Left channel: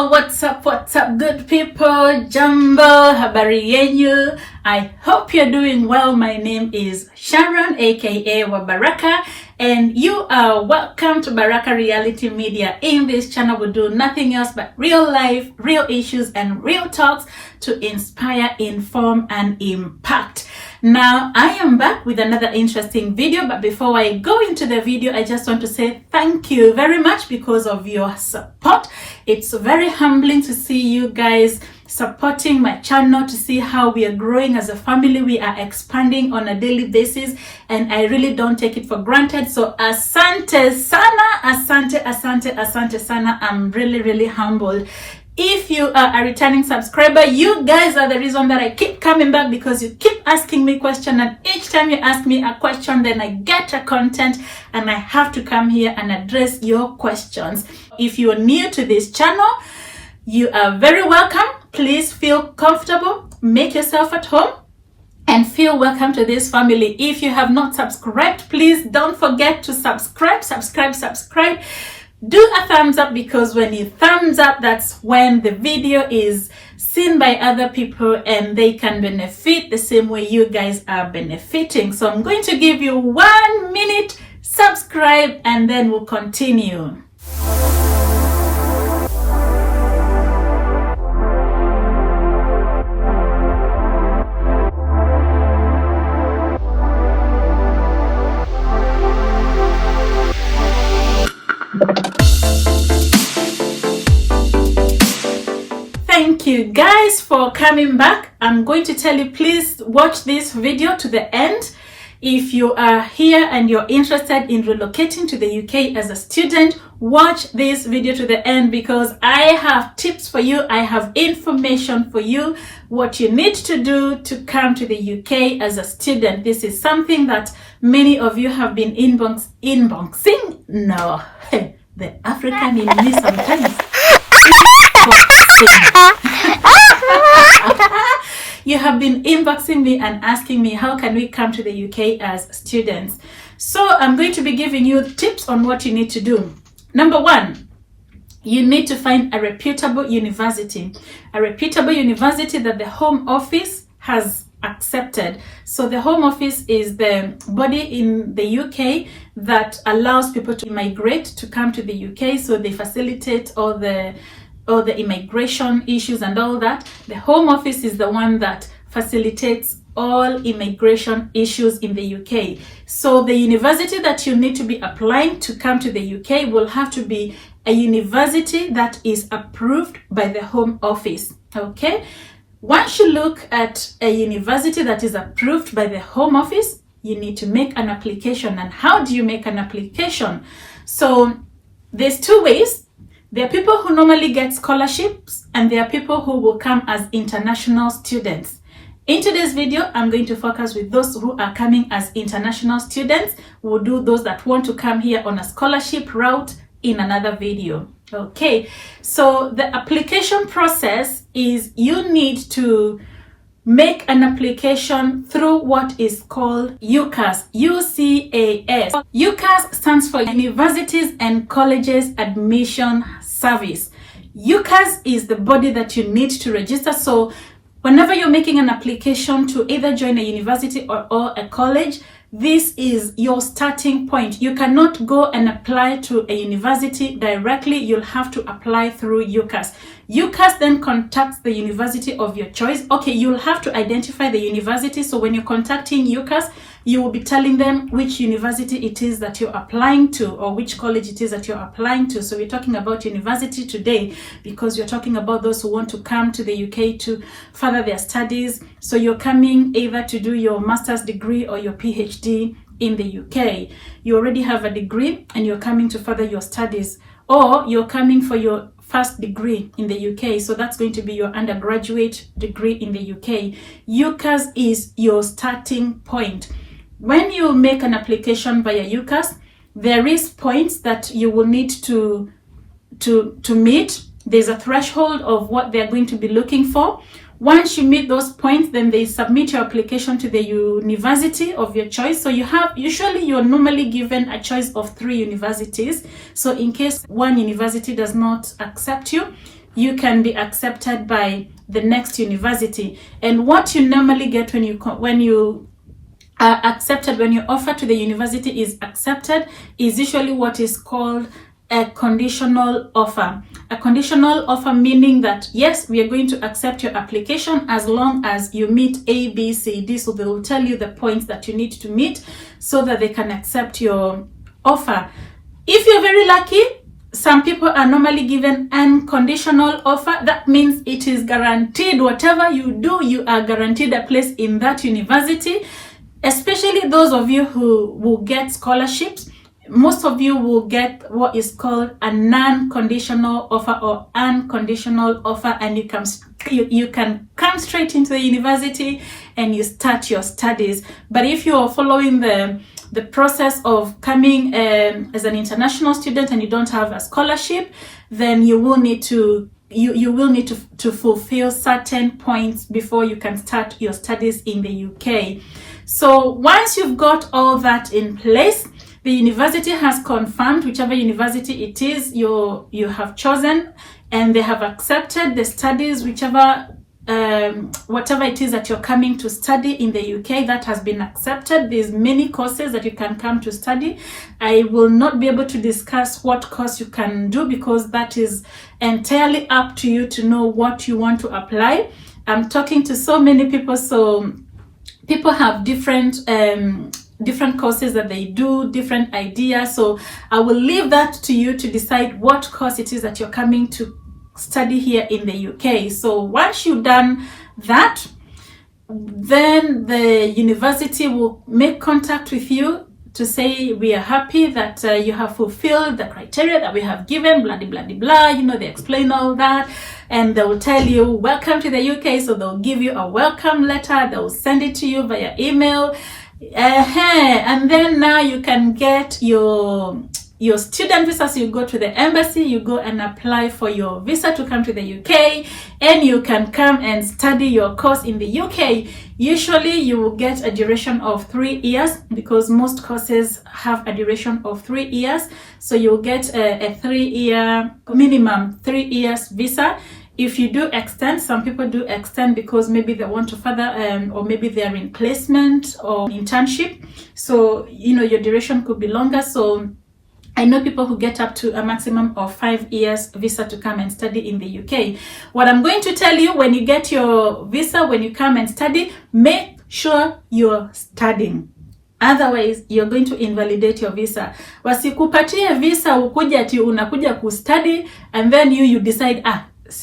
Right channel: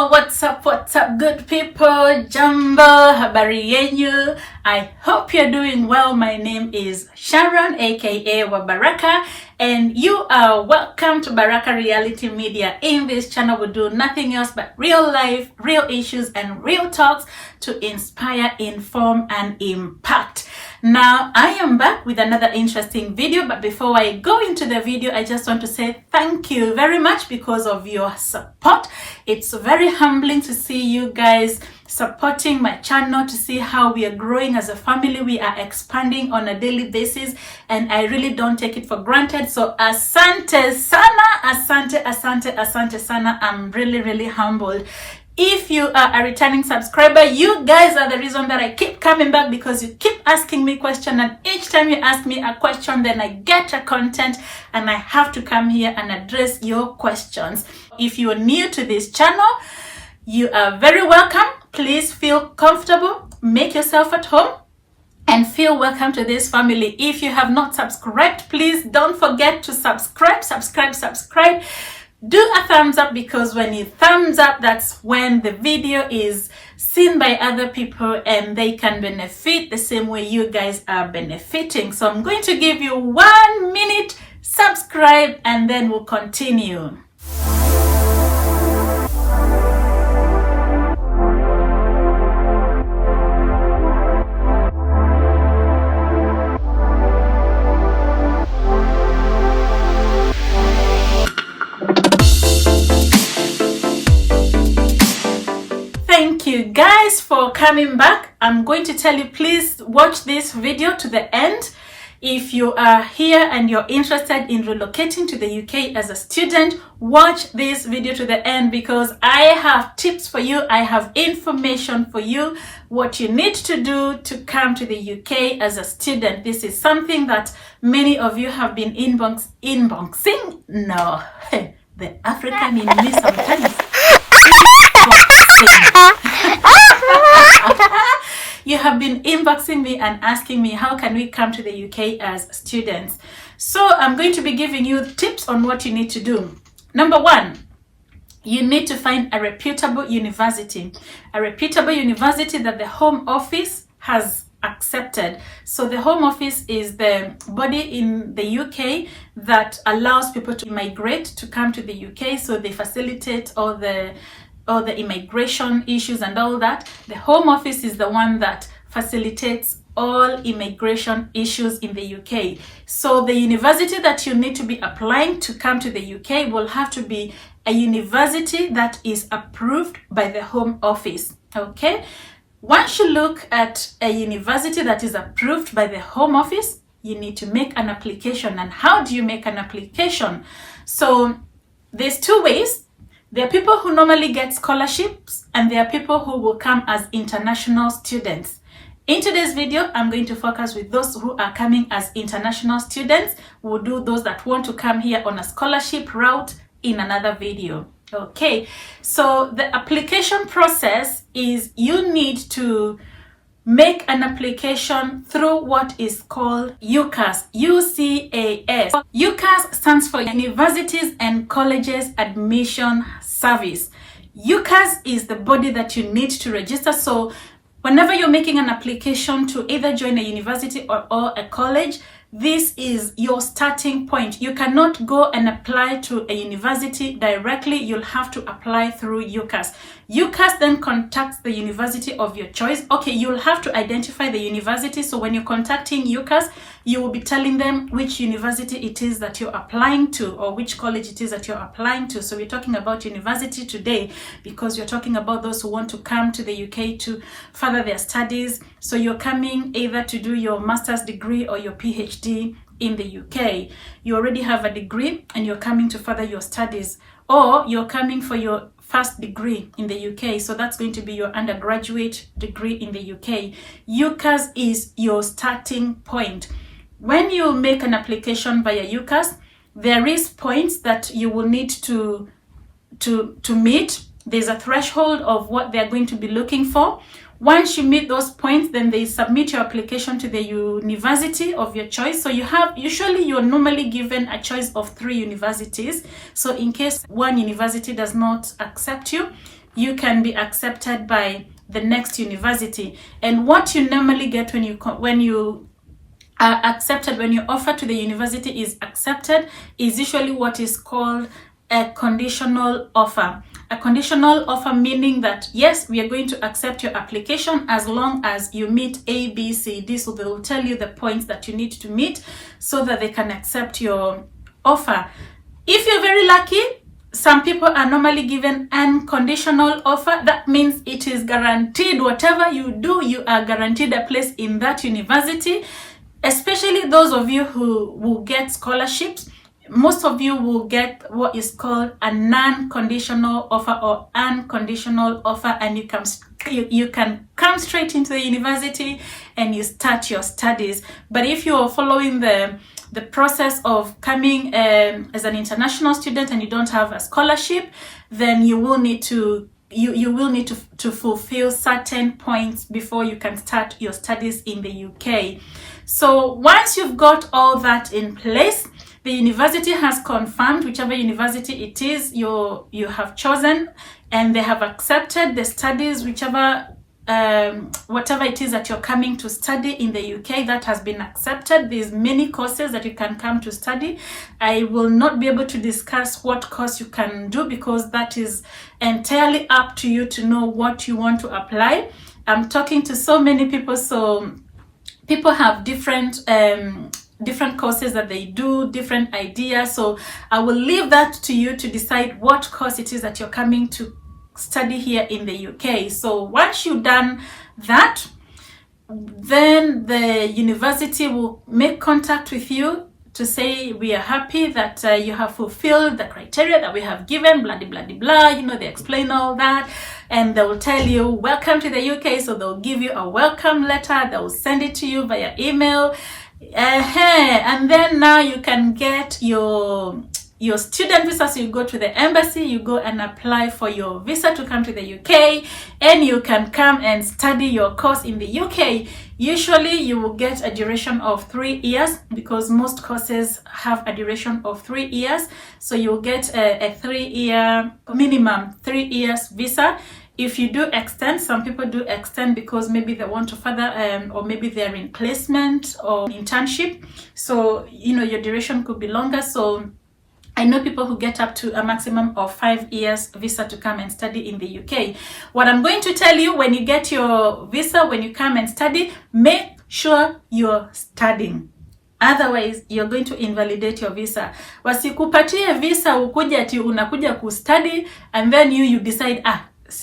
What's up, good people? Jambo, habari yenyu. I hope you're doing well. My name is Sharon, aka Baraka, and you are welcome to Baraka Reality Media. In this channel, we do nothing else but real life, real issues, and real talks to inspire, inform, and impact. Now, I am back with another interesting video, but before I go into the video, I just want to say thank you very much because of your support. It's very humbling to see you guys supporting my channel, to see how we are growing as a family. We are expanding on a daily basis, and I really don't take it for granted. So asante sana, asante sana. I'm really humbled. If you are a returning subscriber, you guys are the reason that I keep coming back, because you keep asking me questions, and each time you ask me a question, then I get a content and I have to come here and address your questions. If you're new to this channel, you are very welcome. Please feel comfortable, make yourself at home, and feel welcome to this family. If you have not subscribed, please don't forget to subscribe. Do a thumbs up, because when you thumbs up, that's when the video is seen by other people and they can benefit the same way you guys are benefiting. So I'm going to give you 1 minute, subscribe, and then we'll continue. Thank you guys for coming back. I'm going to tell you, please watch this video to the end. If you are here and you're interested in relocating to the UK as a student, watch this video to the end, because I have tips for you. I have information for you, what you need to do to come to the UK as a student. This is something that many of you have been inboxing. No, the African in me sometimes. You have been inboxing me and asking me, how can we come to the UK as students? So I'm going to be giving you tips on what you need to do. Number one, you need to find a reputable university that the Home Office has accepted. So the Home Office is the body in the UK that allows people to migrate to come to the UK. So they facilitate all the immigration issues and all that. The Home Office is the one that facilitates all immigration issues in the UK. So the university that you need to be applying to come to the UK will have to be a university that is approved by the Home Office. Okay? Once you look at a university that is approved by the Home Office, you need to make an application. And how do you make an application? So there's two ways. There are people who normally get scholarships, and there are people who will come as international students. In today's video, I'm going to focus with those who are coming as international students. We'll do those that want to come here on a scholarship route in another video. Okay, so the application process is you need to make an application through what is called UCAS, UCAS. UCAS stands for Universities and Colleges Admission Service. UCAS is the body that you need to register. So whenever you're making an application to either join a university or a college, this is your starting point. You cannot go and apply to a university directly. You'll have to apply through UCAS. UCAS then contacts the university of your choice. Okay, you'll have to identify the university. So when you're contacting UCAS, you will be telling them which university it is that you're applying to, or which college it is that you're applying to. So we're talking about university today because you're talking about those who want to come to the UK to further their studies. So you're coming either to do your master's degree or your PhD in the UK. You already have a degree and you're coming to further your studies, or you're coming for your first degree in the UK. So that's going to be your undergraduate degree in the UK. UCAS is your starting point. When you make an application via UCAS, there is points that you will need to meet. There's a threshold of what they're going to be looking for. Once you meet those points, then they submit your application to the university of your choice. So you're normally given a choice of 3 universities. So in case one university does not accept you, you can be accepted by the next university. And what you normally get when you are accepted, when your offer to the university is accepted, is usually what is called a conditional offer. A conditional offer meaning that, yes, we are going to accept your application as long as you meet A, B, C, D. So they will tell you the points that you need to meet so that they can accept your offer. If you're very lucky, some people are normally given unconditional offer. That means it is guaranteed. Whatever you do, you are guaranteed a place in that university. Especially those of you who will get scholarships, most of you will get what is called a non-conditional offer or unconditional offer, and you can come straight into the university and you start your studies. But if you are following the process of coming as an international student and you don't have a scholarship, then you will need to to fulfill certain points before you can start your studies in the UK. So once you've got all that in place, the university has confirmed, whichever university it is you have chosen, and they have accepted the studies, whatever it is that you're coming to study in the UK, that has been accepted. There's many courses that you can come to study. I will not be able to discuss what course you can do because that is entirely up to you to know what you want to apply. I'm talking to so many people, so people have different courses that they do, different ideas. So I will leave that to you to decide what course it is that you're coming to study here in the UK. So once you've done that, then the university will make contact with you to say, we are happy that you have fulfilled the criteria that we have given, blah, blah, blah, blah. You know, they explain all that, and they will tell you, welcome to the UK. So they'll give you a welcome letter. They will send it to you via email. And then now you can get your student visa. So you go to the embassy, you go and apply for your visa to come to the UK, and you can come and study your course in the UK. Usually you will get a duration of 3 years because most courses have a duration of 3 years. So you'll get a 3-year, minimum 3 years visa. If you do extend, some people do extend because maybe they want to further, or maybe they're in placement or internship. So, you know, your duration could be longer. So I know people who get up to a maximum of 5 years visa to come and study in the UK. What I'm going to tell you, when you get your visa, when you come and study, make sure you're studying. Otherwise, you're going to invalidate your visa. Wasikupatie visa ukuja ati unakuja kustudy and then you decide,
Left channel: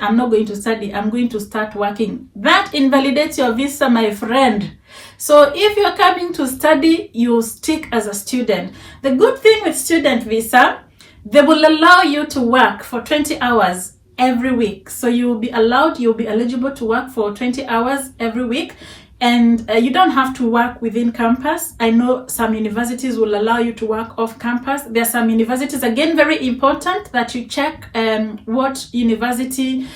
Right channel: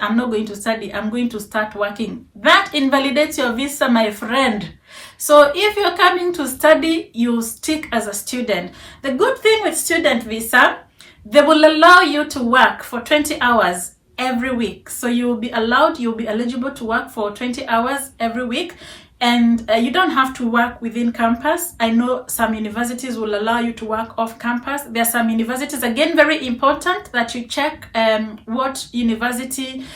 I'm not going to study, I'm going to start working. That invalidates your visa, my friend. So if you're coming to study, you stick as a student. The good thing with student visa, they will allow you to work for 20 hours every week. So you'll be eligible to work for 20 hours every week. And you don't have to work within campus. I know some universities will allow you to work off campus. There are some universities, again, very important that you check what university,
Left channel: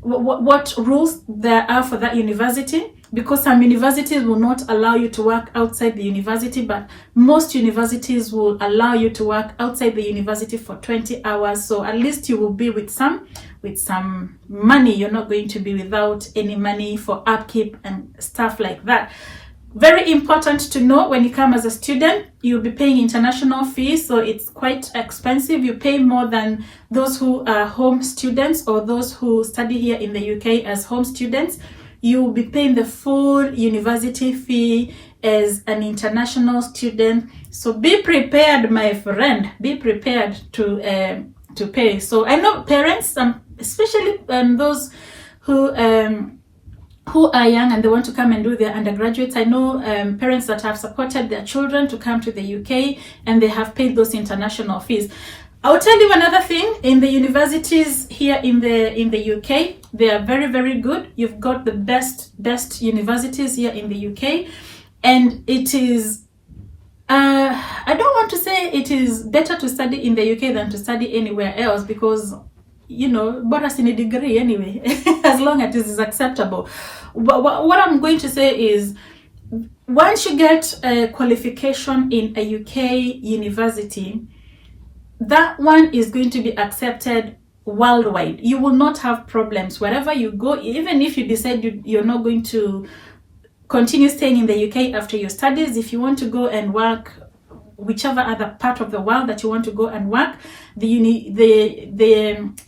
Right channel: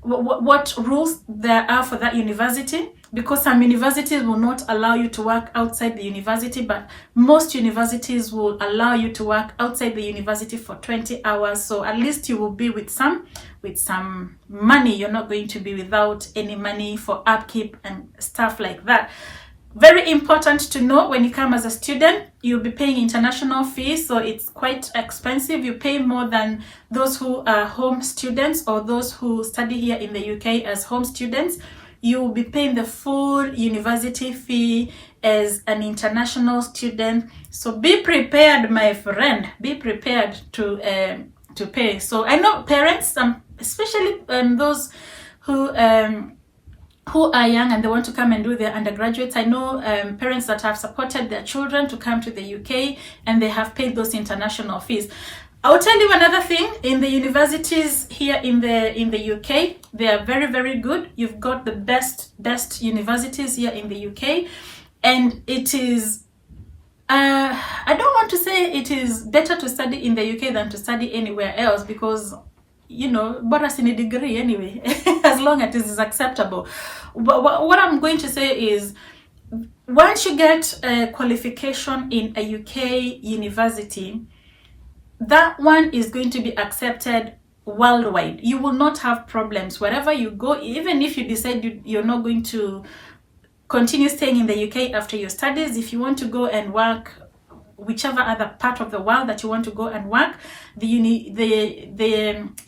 what rules there are for that university, because some universities will not allow you to work outside the university, but most universities will allow you to work outside the university for 20 hours. So at least you will be with some money. You're not going to be without any money for upkeep and stuff like that. Very important to know, when you come as a student, you'll be paying international fees, so it's quite expensive. You pay more than those who are home students or those who study here in the UK as home students. You will be paying the full university fee as an international student. So be prepared, my friend. Be prepared to pay. So I know parents, especially those who are young and they want to come and do their undergraduates. I know parents that have supported their children to come to the UK and they have paid those international fees. I'll tell you another thing. In the universities here in the UK, they are very, very good. You've got the best universities here in the UK, and it is I don't want to say it is better to study in the UK than to study anywhere else, because, you know, bonus in a degree anyway, as long as it is acceptable. But what I'm going to say is, once you get a qualification in a UK university, that one is going to be accepted worldwide. You will not have problems wherever you go. Even if you decide you're not going to continue staying in the UK after your studies, if you want to go and work whichever other part of the world that you want to go and work, the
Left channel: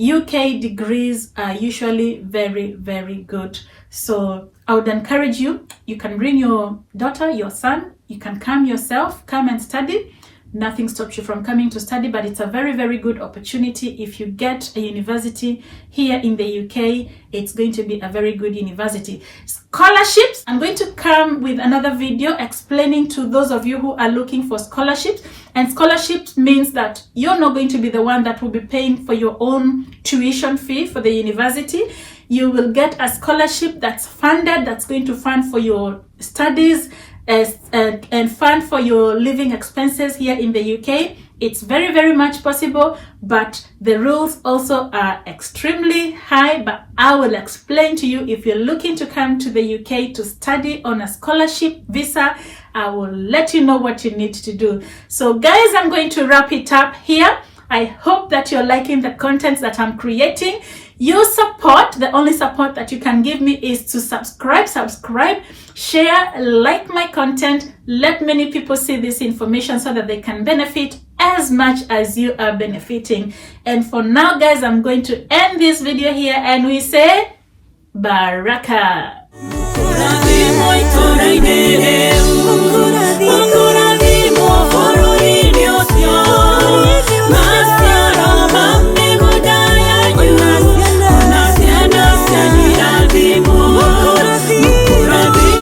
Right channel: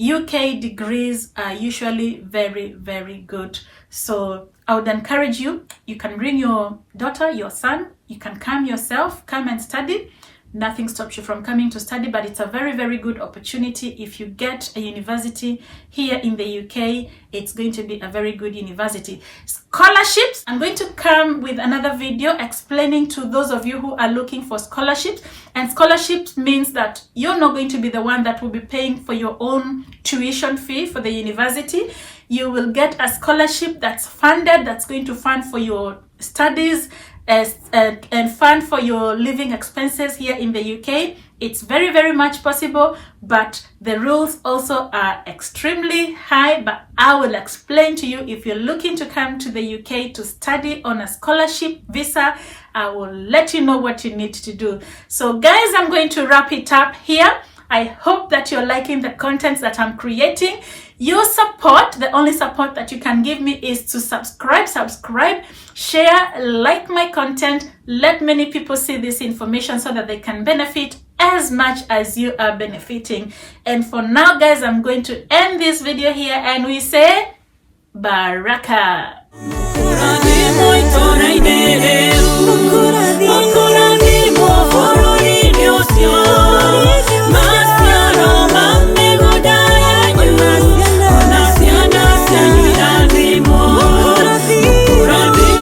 UK degrees are usually very, very good. So I would encourage you, you can bring your daughter, your son, you can come yourself, come and study. Nothing stops you from coming to study, but it's a very, very good opportunity. If you get a university here in the UK, it's going to be a very good university. Scholarships, I'm going to come with another video explaining to those of you who are looking for scholarships. And scholarships means that you're not going to be the one that will be paying for your own tuition fee for the university. You will get a scholarship that's funded, that's going to fund for your studies and fund for your living expenses here in the UK. It's very, very much possible, but the rules also are extremely high. But I will explain to you. If you're looking to come to the UK to study on a scholarship visa, I will let you know what you need to do. So guys, I'm going to wrap it up here. I hope that you're liking the content that I'm creating. Your support, the only support that you can give me is to subscribe, share, like my content, let many people see this information so that they can benefit as much as you are benefiting. And for now, guys, I'm going to end this video here and we say Baraka.